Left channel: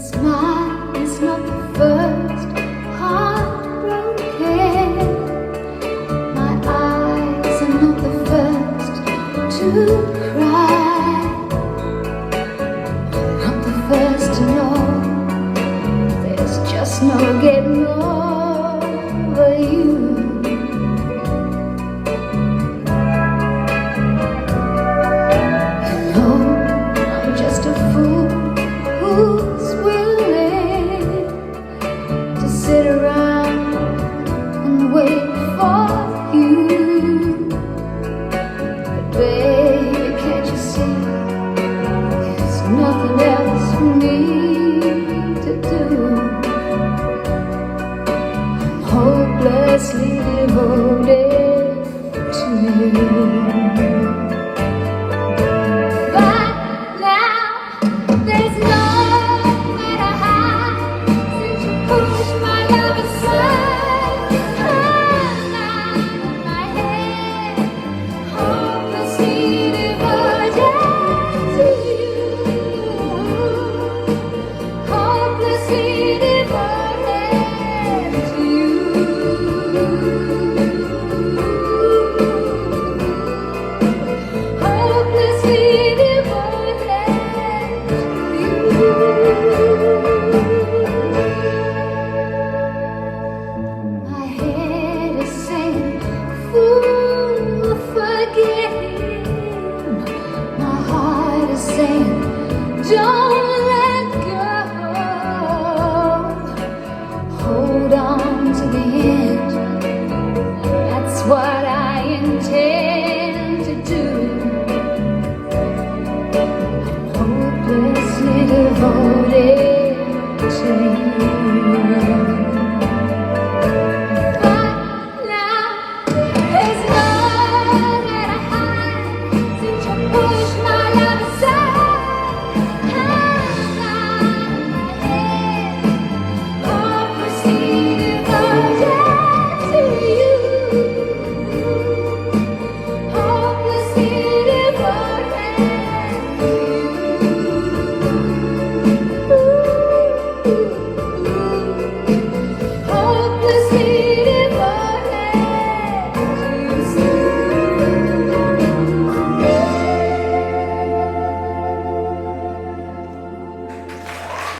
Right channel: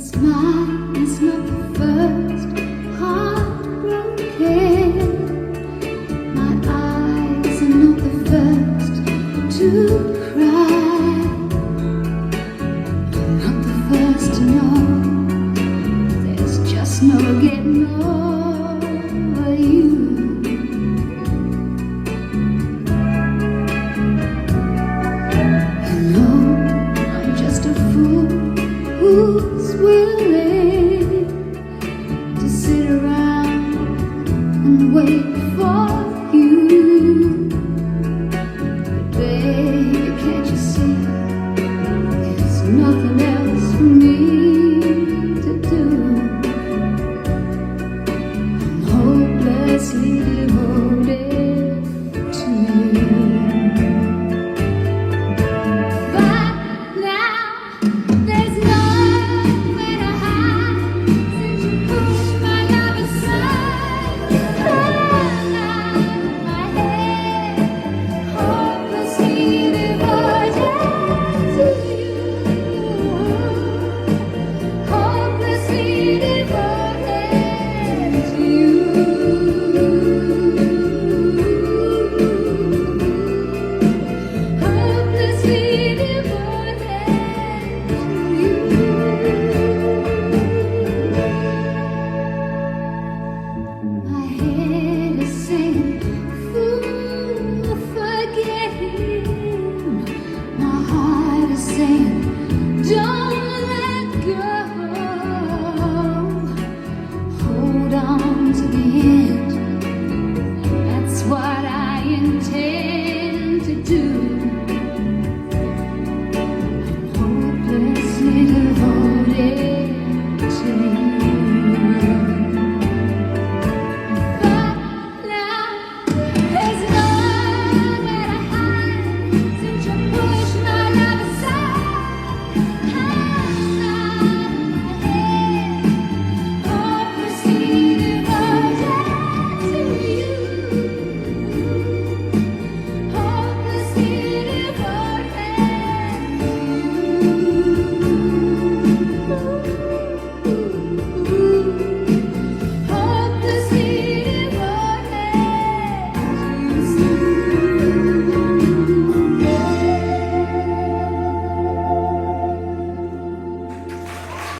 Mine is not the first heartbroken. My eyes are not the first to cry. I'm not the first to know there's just no getting over you. I know I'm just a fool who's willing to sit around and wait for you. But baby, can't you see there's nothing else for me to do? I'm hopelessly devoted to you. Saying